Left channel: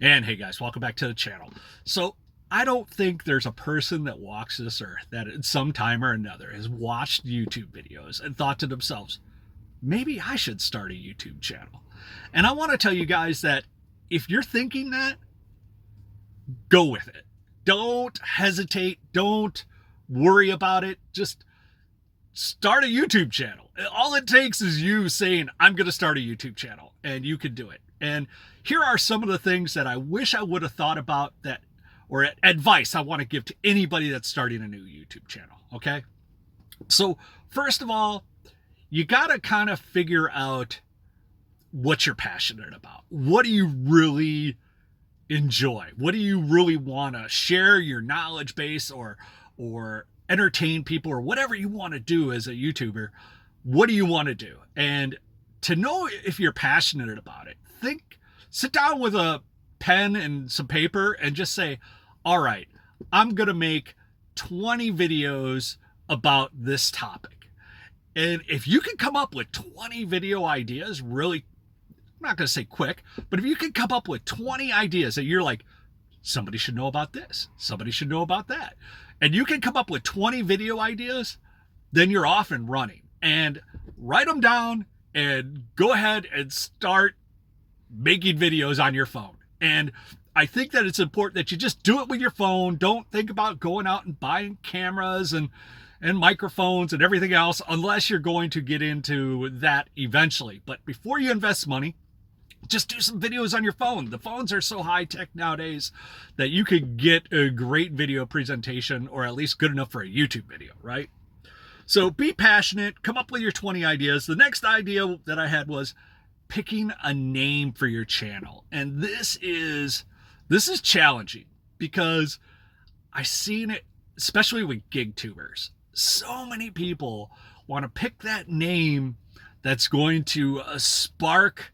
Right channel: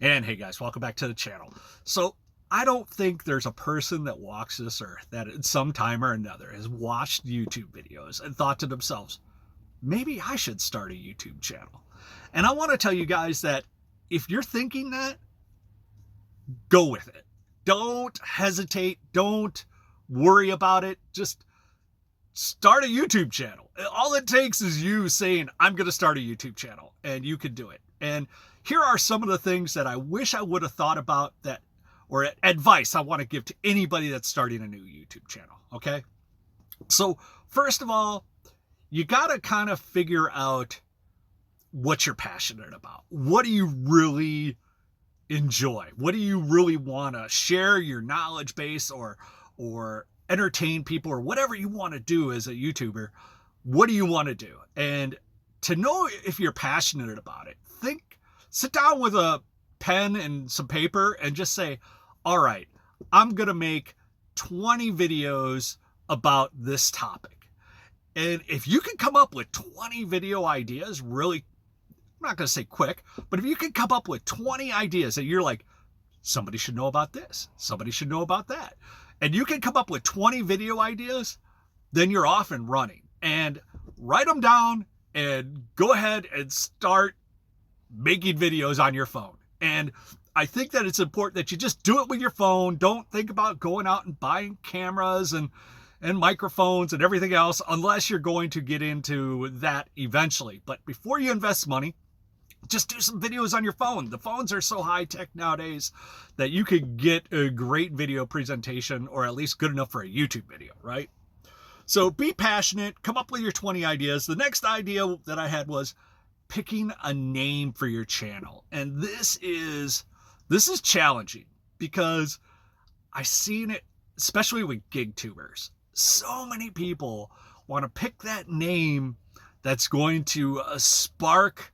And hey guys, welcome back to the channel. So I don't think there's a person that walks this earth that at some time or another has watched YouTube videos and thought to themselves, maybe I should start a YouTube channel. And I want to tell you guys that if you're thinking that, go with it. Don't hesitate. Don't worry about it. Just start a YouTube channel. All it takes is you saying, I'm going to start a YouTube channel, and you can do it. And here are some of the things that I wish I would have thought about that, or advice I want to give to anybody that's starting a new YouTube channel. Okay. So first of all, you got to kind of figure out what you're passionate about. What do you really enjoy? What do you really want to share your knowledge base or entertain people or whatever you want to do as a YouTuber? What do you want to do? And to know if you're passionate about it, sit down with a pen and some paper and just say, all right, I'm going to make 20 videos about this topic. And if you can come up with 20 video ideas, really, I'm not going to say quick, but if you can come up with 20 ideas that you're like, somebody should know about this, somebody should know about that, and you can come up with 20 video ideas, then you're off and running. And write them down and go ahead and start making videos on your phone. And I think that it's important that you just do it with your phone. Don't think about going out and buying cameras and microphones and everything else unless you're going to get into that eventually. But before you invest money, just do some videos on your phone. The phones are so high tech nowadays that you could get a great video presentation, or at least good enough for a YouTube video, right? So be passionate, come up with your 20 ideas. The next idea that I had was picking a name for your channel. And this is challenging because I've seen it, especially with gig tubers. So many people want to pick that name that's going to spark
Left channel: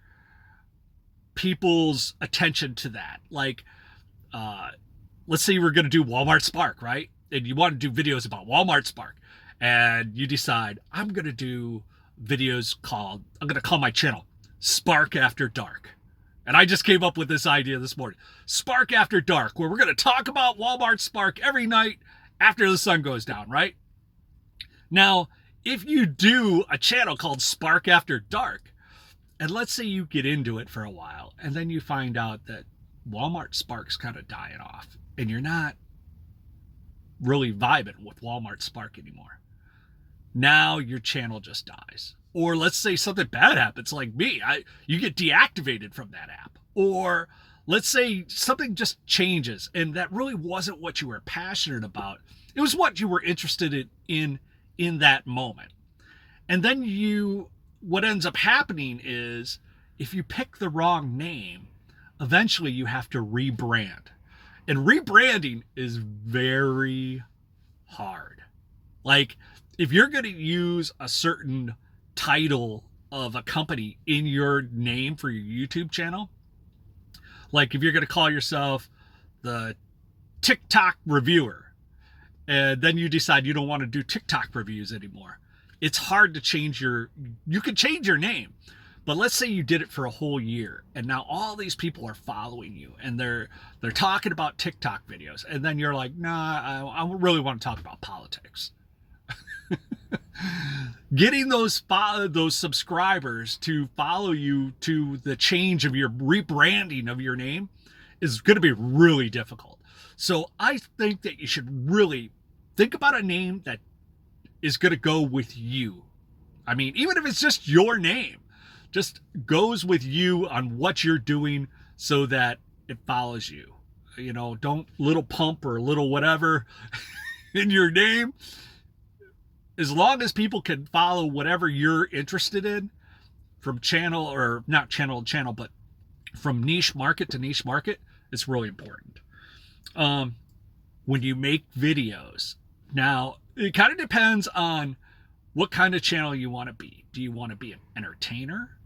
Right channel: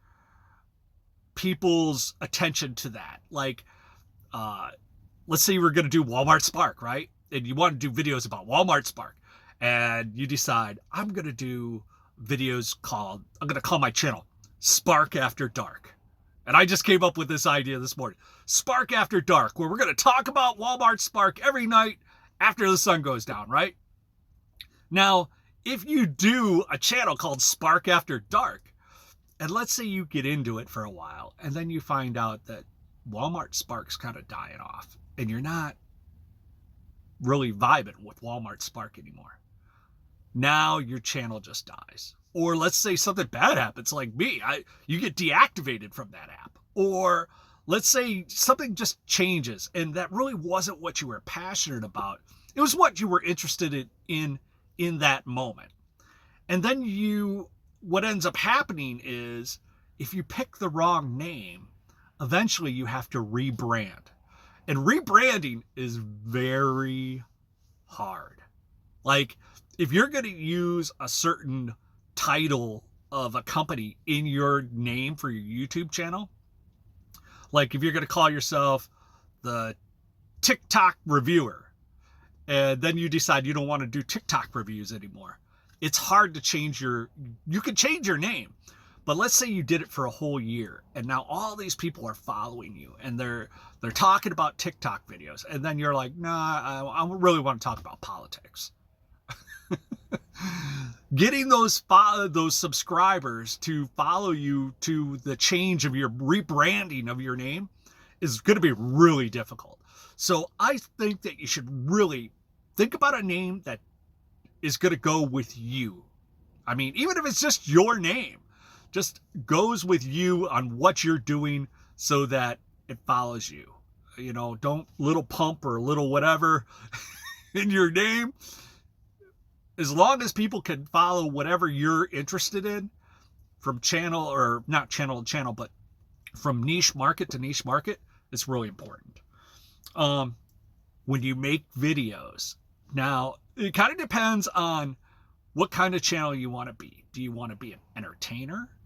people's attention to that. Like, let's say we're going to do Walmart Spark, right? And you want to do videos about Walmart Spark. And you decide, I'm going to do videos I'm going to call my channel Spark After Dark. And I just came up with this idea this morning. Spark After Dark, where we're going to talk about Walmart Spark every night after the sun goes down, right? Now, if you do a channel called Spark After Dark, and let's say you get into it for a while, and then you find out that Walmart Spark's kind of dying off, and you're not really vibing with Walmart Spark anymore. Now your channel just dies. Or let's say something bad happens, like me, you get deactivated from that app. Or let's say something just changes and that really wasn't what you were passionate about. It was what you were interested in that moment. And then what ends up happening is if you pick the wrong name, eventually you have to rebrand. And rebranding is very hard. Like, if you're going to use a certain title of a company in your name for your YouTube channel, like if you're going to call yourself the TikTok reviewer, and then you decide you don't want to do TikTok reviews anymore, it's hard to you can change your name. But let's say you did it for a whole year and now all these people are following you and they're talking about TikTok videos. And then you're like, nah, I really want to talk about politics. Getting those subscribers to follow you to the change of your rebranding of your name is going to be really difficult. So I think that you should really think about a name that is going to go with you. I mean, even if it's just your name, just goes with you on what you're doing so that it follows you. You know, don't little pump or little whatever in your name. As long as people can follow whatever you're interested in, from channel, or not channel to channel, but from niche market to niche market, it's really important. When you make videos, now it kind of depends on what kind of channel you want to be. Do you want to be an entertainer?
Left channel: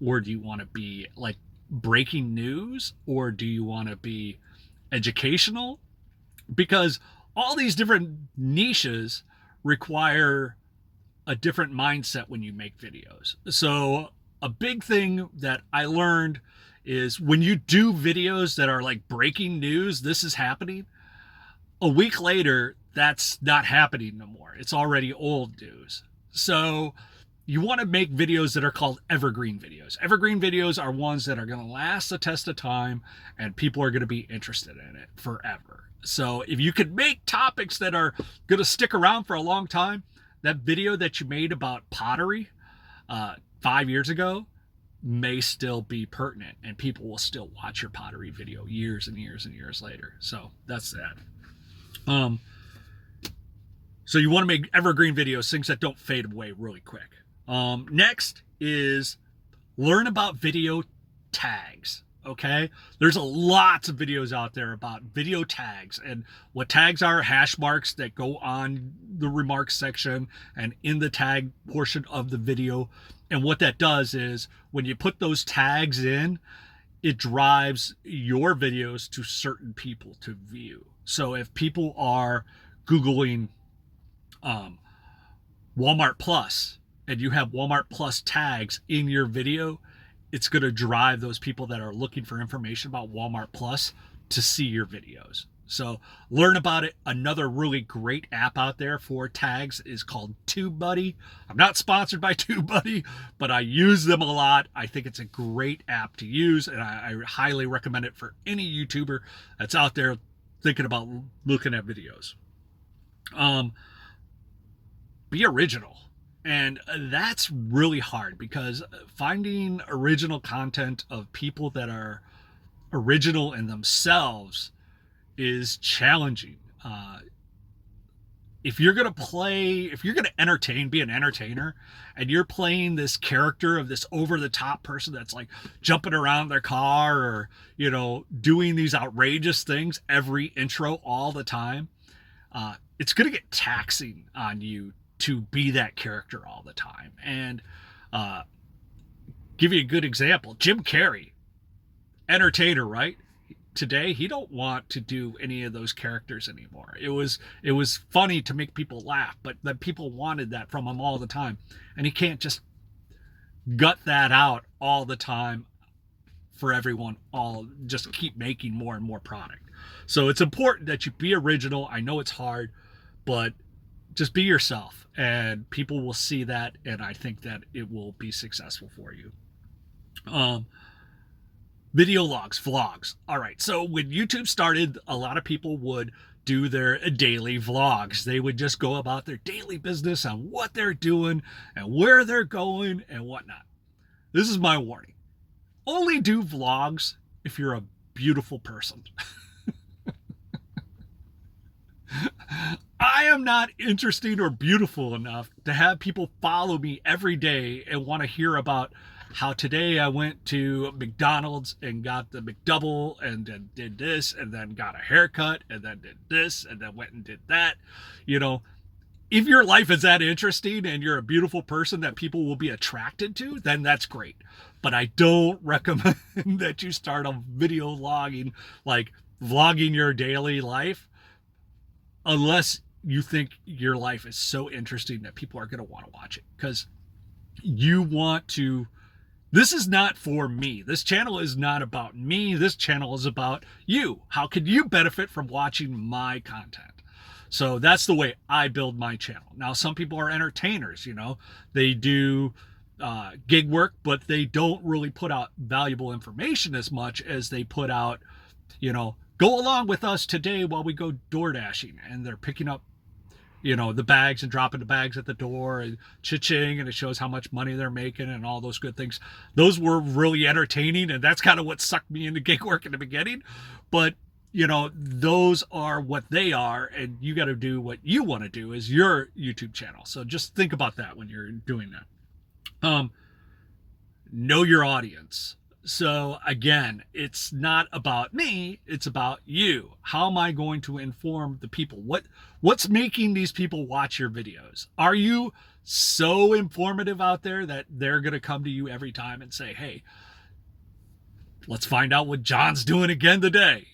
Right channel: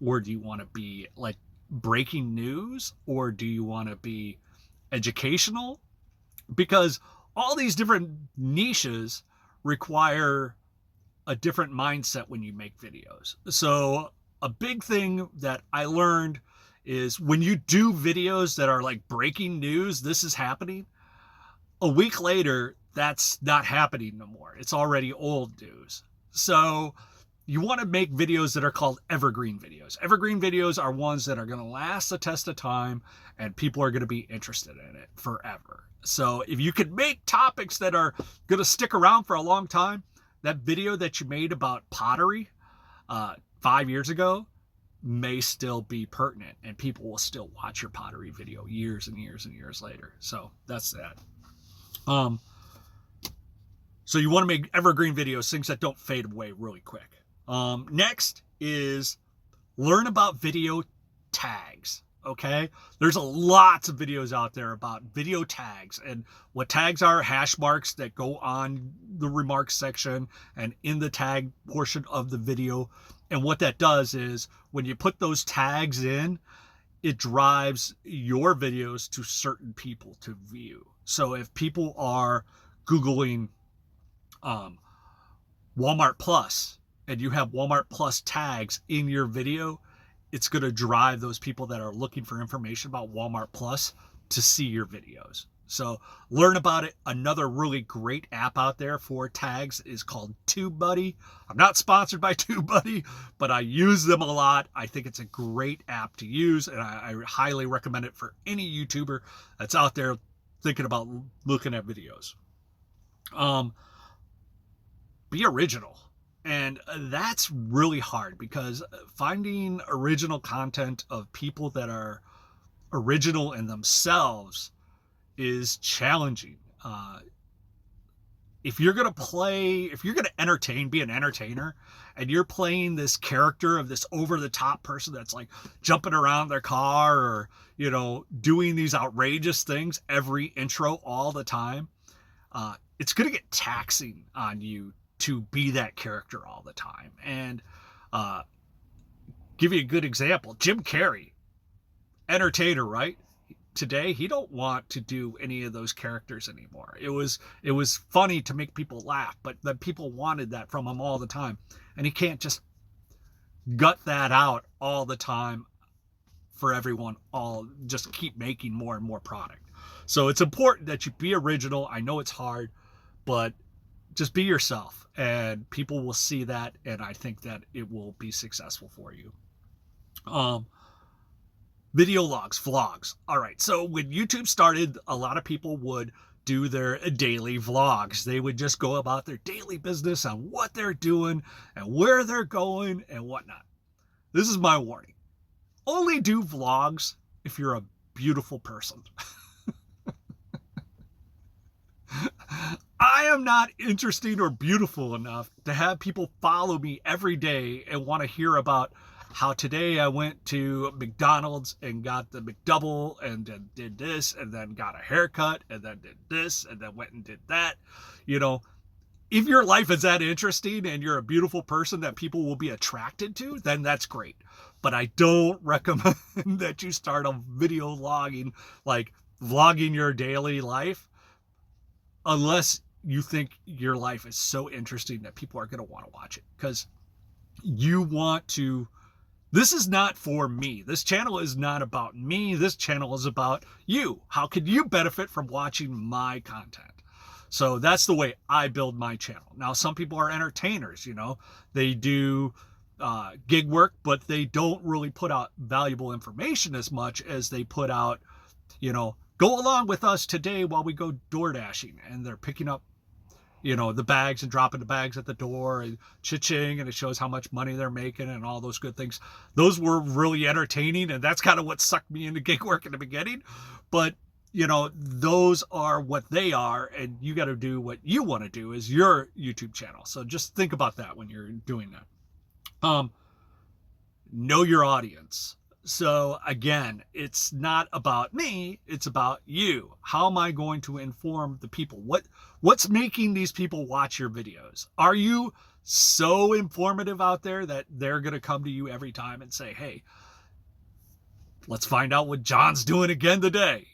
Or do you want to be like breaking news? Or do you want to be educational? Because all these different niches require a different mindset when you make videos. So a big thing that I learned is when you do videos that are like breaking news, this is happening, a week later, that's not happening no more. It's already old news. So you want to make videos that are called evergreen videos. Evergreen videos are ones that are going to last the test of time and people are going to be interested in it forever. So if you could make topics that are going to stick around for a long time, that video that you made about pottery 5 years ago may still be pertinent and people will still watch your pottery video years and years and years later. So that's that. So you want to make evergreen videos, things that don't fade away really quick. Next is learn about video tags. Okay, there's a lots of videos out there about video tags, and what tags are: hash marks that go on the remarks section and in the tag portion of the video. And what that does is when you put those tags in, it drives your videos to certain people to view. So if people are Googling Walmart Plus and you have Walmart Plus tags in your video, it's going to drive those people that are looking for information about Walmart Plus to see your videos. So learn about it. Another really great app out there for tags is called TubeBuddy. I'm not sponsored by TubeBuddy, but I use them a lot. I think it's a great app to use, and I highly recommend it for any YouTuber that's out there thinking about looking at videos. Be original. And that's really hard because finding original content of people that are original in themselves is challenging. If you're going to entertain, be an entertainer, and you're playing this character of this over-the-top person that's like jumping around their car or, doing these outrageous things every intro all the time, it's going to get taxing on you to be that character all the time. And give you a good example, Jim Carrey, entertainer, right? Today, he don't want to do any of those characters anymore. It was funny to make people laugh, but then people wanted that from him all the time. And he can't just gut that out all the time for everyone, just keep making more and more product. So it's important that you be original. I know it's hard, but just be yourself and people will see that, and I think that it will be successful for you. Video logs, vlogs. All right, so when YouTube started, a lot of people would do their daily vlogs. They would just go about their daily business on what they're doing and where they're going and whatnot. This is my warning. Only do vlogs if you're a beautiful person. I am not interesting or beautiful enough to have people follow me every day and want to hear about how today I went to McDonald's and got the McDouble and then did this and then got a haircut and then did this and then went and did that. If your life is that interesting and you're a beautiful person that people will be attracted to, then that's great. But I don't recommend that you start a video logging, like vlogging your daily life, unless you think your life is so interesting that people are going to want to watch it. Because this is not for me. This channel is not about me. This channel is about you. How could you benefit from watching my content? So that's the way I build my channel. Now, some people are entertainers, they do gig work, but they don't really put out valuable information as much as they put out, go along with us today while we go door dashing, and they're picking up the bags and dropping the bags at the door and cha-ching, and it shows how much money they're making and all those good things. Those were really entertaining, and that's kind of what sucked me into gig work in the beginning. But those are what they are, and you got to do what you want to do as your YouTube channel. So just think about that when you're doing that. Know your audience. So again, it's not about me, it's about you. How am I going to inform the people? What's making these people watch your videos? Are you so informative out there that they're going to come to you every time and say, hey, let's find out what John's doing again today,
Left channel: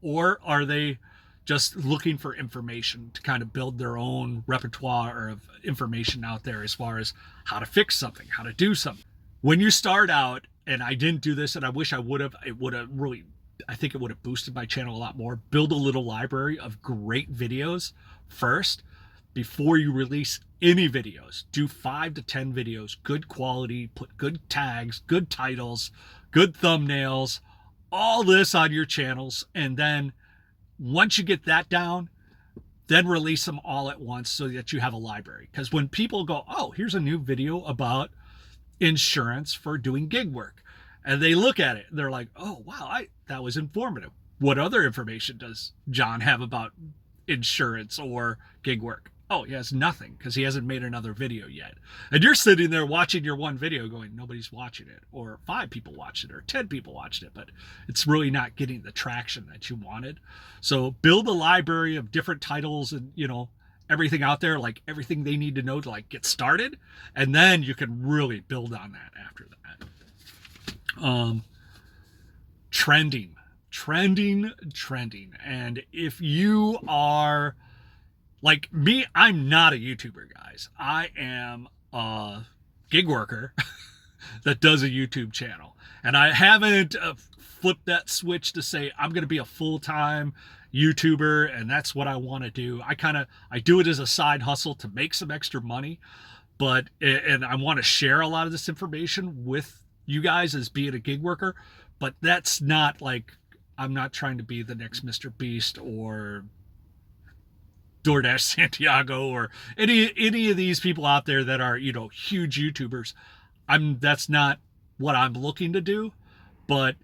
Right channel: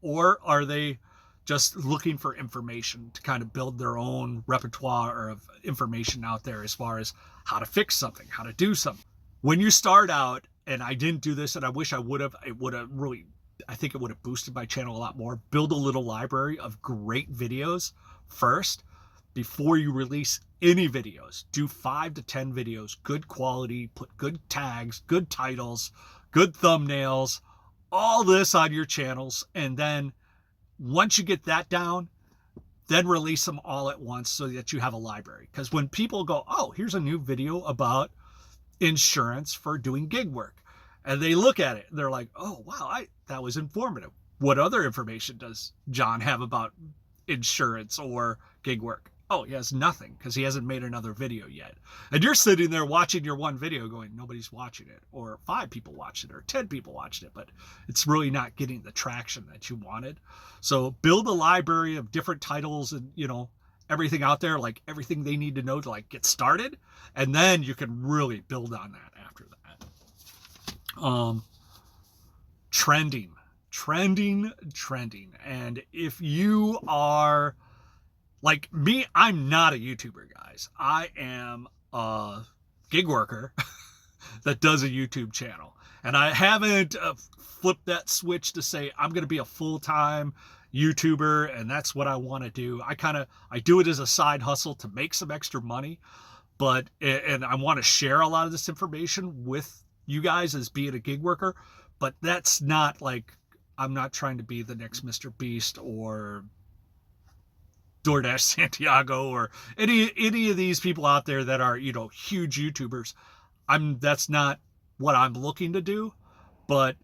Or are they just looking for information to kind of build their own repertoire of information out there as far as how to fix something, how to do something? When you start out and I didn't do this, and I wish I would have. It would have really, I think it would have boosted my channel a lot more. Build a little library of great videos first before you release any videos. Do 5 to 10 videos, good quality, put good tags, good titles, good thumbnails, all this on your channels. And then once you get that down, then release them all at once so that you have a library. Because when people go, oh, here's a new video about insurance for doing gig work, and they look at it, they're like, oh, wow, that was informative. What other information does John have about insurance or gig work? Oh, he has nothing, because he hasn't made another video yet. And you're sitting there watching your one video going, nobody's watching it, or 5 people watched it, or 10 people watched it, but it's really not getting the traction that you wanted. So build a library of different titles and, everything out there, like everything they need to know to like get started. And then you can really build on that after that. Trending. And if you are like me, I'm not a YouTuber, guys. I am a gig worker that does a YouTube channel. And I haven't flipped that switch to say I'm going to be a full-time YouTuber and that's what I want to do. I do it as a side hustle to make some extra money, and I want to share a lot of this information with you guys as being a gig worker, but that's not like, I'm not trying to be the next Mr. Beast or DoorDash Santiago or any of these people out there that are, huge YouTubers. That's not what I'm looking to do. But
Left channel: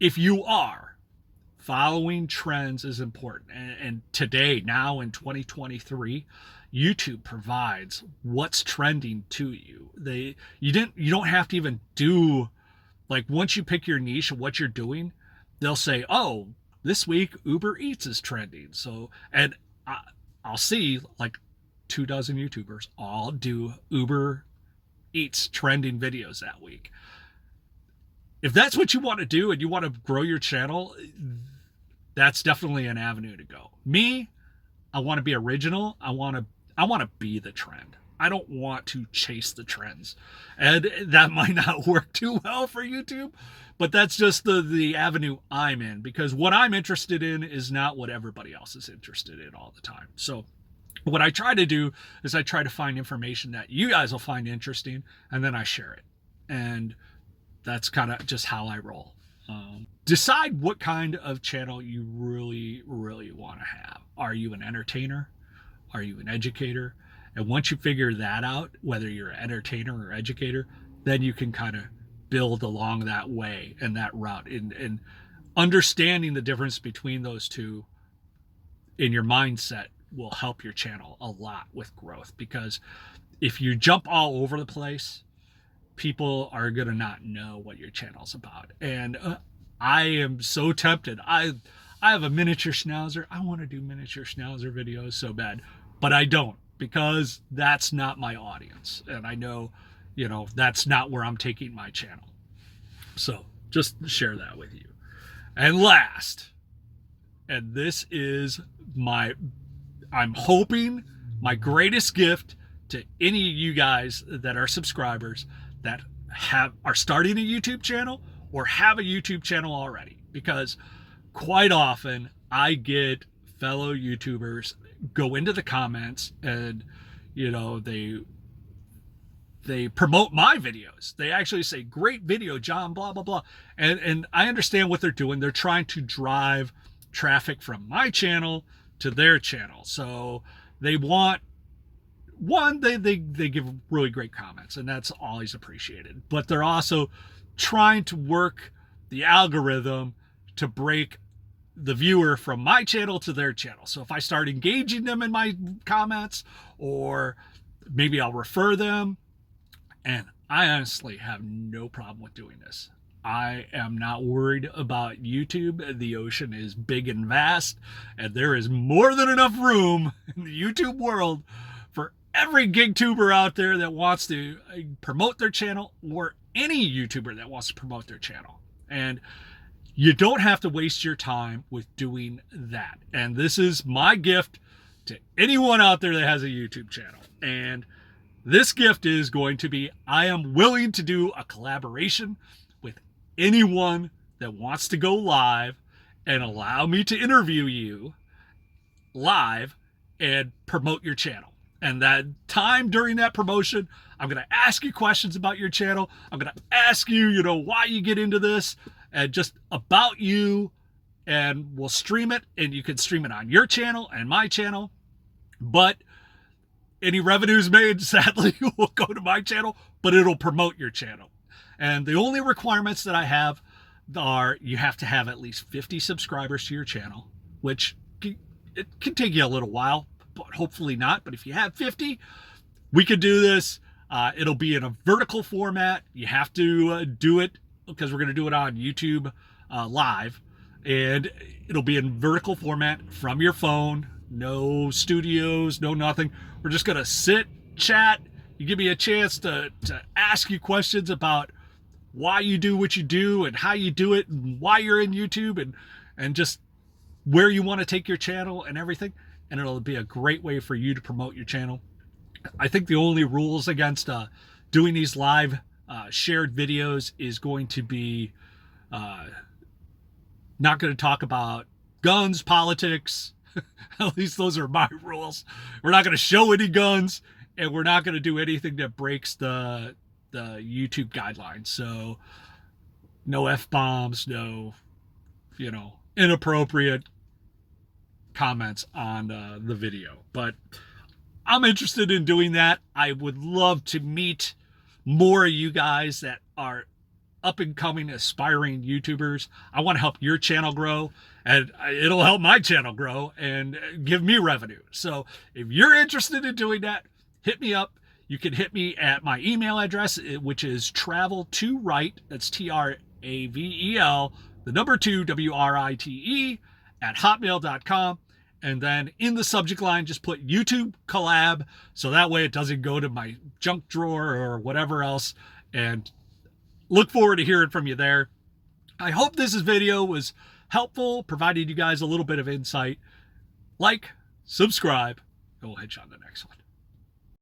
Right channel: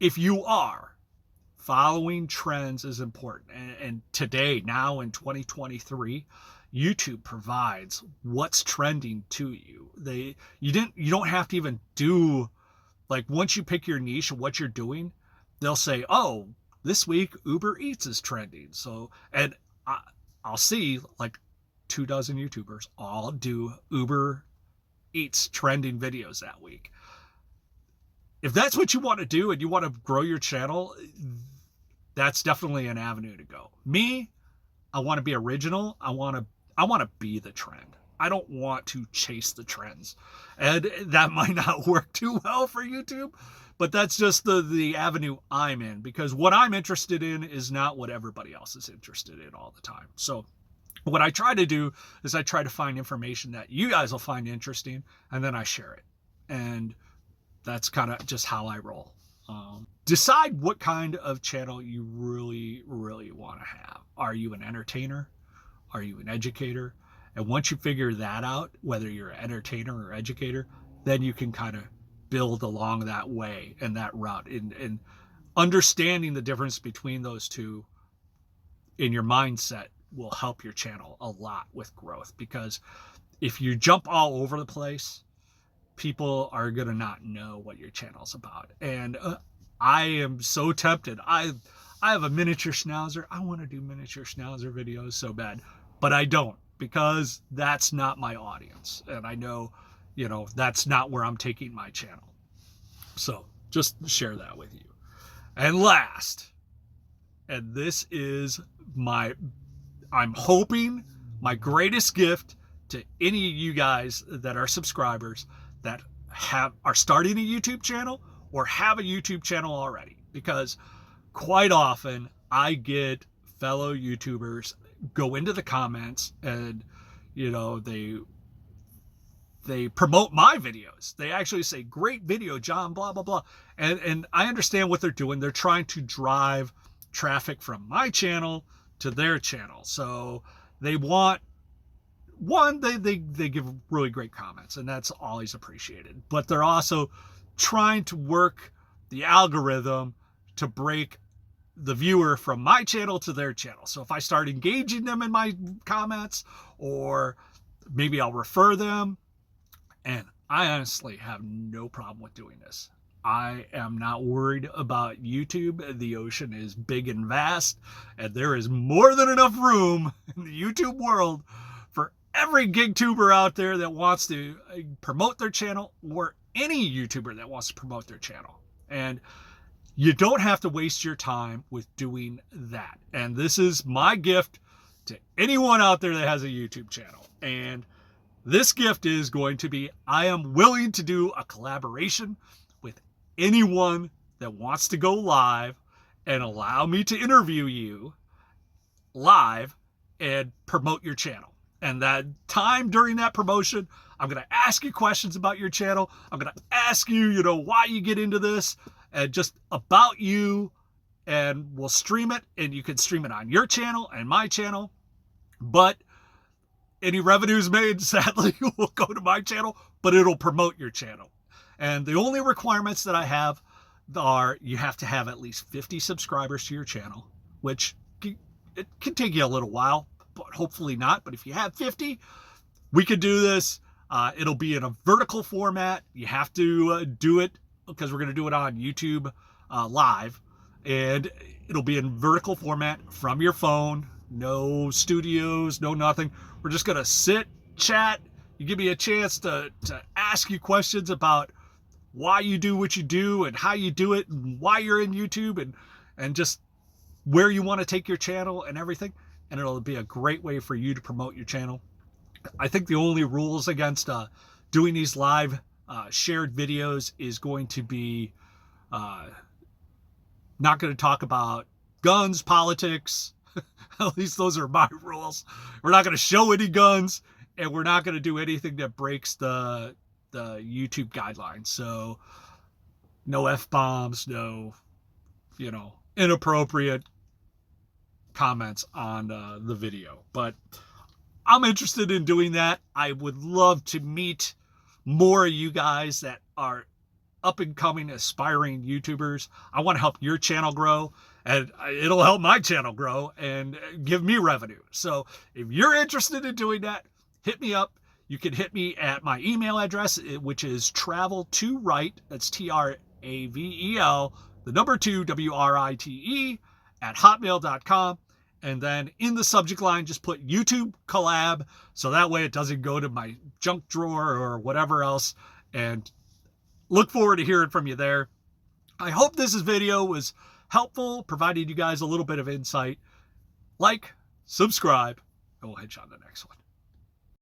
if you are, following trends is important. And today, now in 2023, YouTube provides what's trending to you. You don't have to even do, like, once you pick your niche and what you're doing, they'll say, oh, this week Uber Eats is trending. So, and I'll see like 24 YouTubers all do Uber Eats trending videos that week. If that's what you want to do and you want to grow your channel, that's definitely an avenue to go. Me, I want to be original. I want to be the trend. I don't want to chase the trends. And that might not work too well for YouTube, but that's just the avenue I'm in, because what I'm interested in is not what everybody else is interested in all the time. So what I try to do is I try to find information that you guys will find interesting, and then I share it. And that's kind of just how I roll. Decide what kind of channel you really, really want to have. Are you an entertainer? Are you an educator? And once you figure that out, whether you're an entertainer or educator, then you can kind of build along that way and that route. And understanding the difference between those two in your mindset will help your channel a lot with growth. Because if you jump all over the place, people are going to not know what your channel's about. And I am so tempted. I have a miniature schnauzer. I want to do miniature schnauzer videos so bad, but I don't, because that's not my audience. And I know, that's not where I'm taking my channel. So just share that with you. And last, and this is I'm hoping my greatest gift to any of you guys that are subscribers that are starting a YouTube channel or have a YouTube channel already, because quite often I get fellow YouTubers go into the comments and they promote my videos. They actually say, great video, John, blah, blah, blah. And I understand what they're doing. They're trying to drive traffic from my channel to their channel. So they want, they give really great comments, and that's always appreciated. But they're also trying to work the algorithm to break the viewer from my channel to their channel. So if I start engaging them in my comments, or maybe I'll refer them, and I honestly have no problem with doing this. I am not worried about YouTube. The ocean is big and vast, and there is more than enough room in the YouTube world for every gig tuber out there that wants to promote their channel, or any YouTuber that wants to promote their channel. And you don't have to waste your time with doing that. And this is my gift to anyone out there that has a YouTube channel. And This gift is going to be, I am willing to do a collaboration with anyone that wants to go live and allow me to interview you live and promote your channel. And that time during that promotion, I'm going to ask you questions about your channel. I'm going to ask you, why you get into this and just about you. And we'll stream it, and you can stream it on your channel and my channel. But any revenues made, sadly, will go to my channel, but it'll promote your channel. And the only requirements that I have are you have to have at least 50 subscribers to your channel, which it can take you a little while, but hopefully not. But if you have 50, we could do this. It'll be in a vertical format. You have to do it because we're going to do it on YouTube live. And it'll be in vertical format from your phone. No studios, no nothing. We're just going to sit, chat. You give me a chance to ask you questions about why you do what you do and how you do it and why you're in YouTube and just where you want to take your channel and everything. And it'll be a great way for you to promote your channel. I think the only rules against doing these live shared videos is going to be not going to talk about guns, politics. At least those are my rules. We're not going to show any guns, and we're not going to do anything that breaks the YouTube guidelines. So no F-bombs, no, inappropriate comments on the video. But I'm interested in doing that. I would love to meet more of you guys that are up and coming aspiring YouTubers. I want to help your channel grow, and it'll help my channel grow and give me revenue. So if you're interested in doing that, hit me up. You can hit me at my email address, which is travel2write. That's TRAVEL, the number 2 WRITE @hotmail.com. And then in the subject line, just put YouTube collab. So that way it doesn't go to my junk drawer or whatever else. And look forward to hearing from you there. I hope this video was helpful, provided you guys a little bit of insight. Like, subscribe, and we'll hit you on the next one.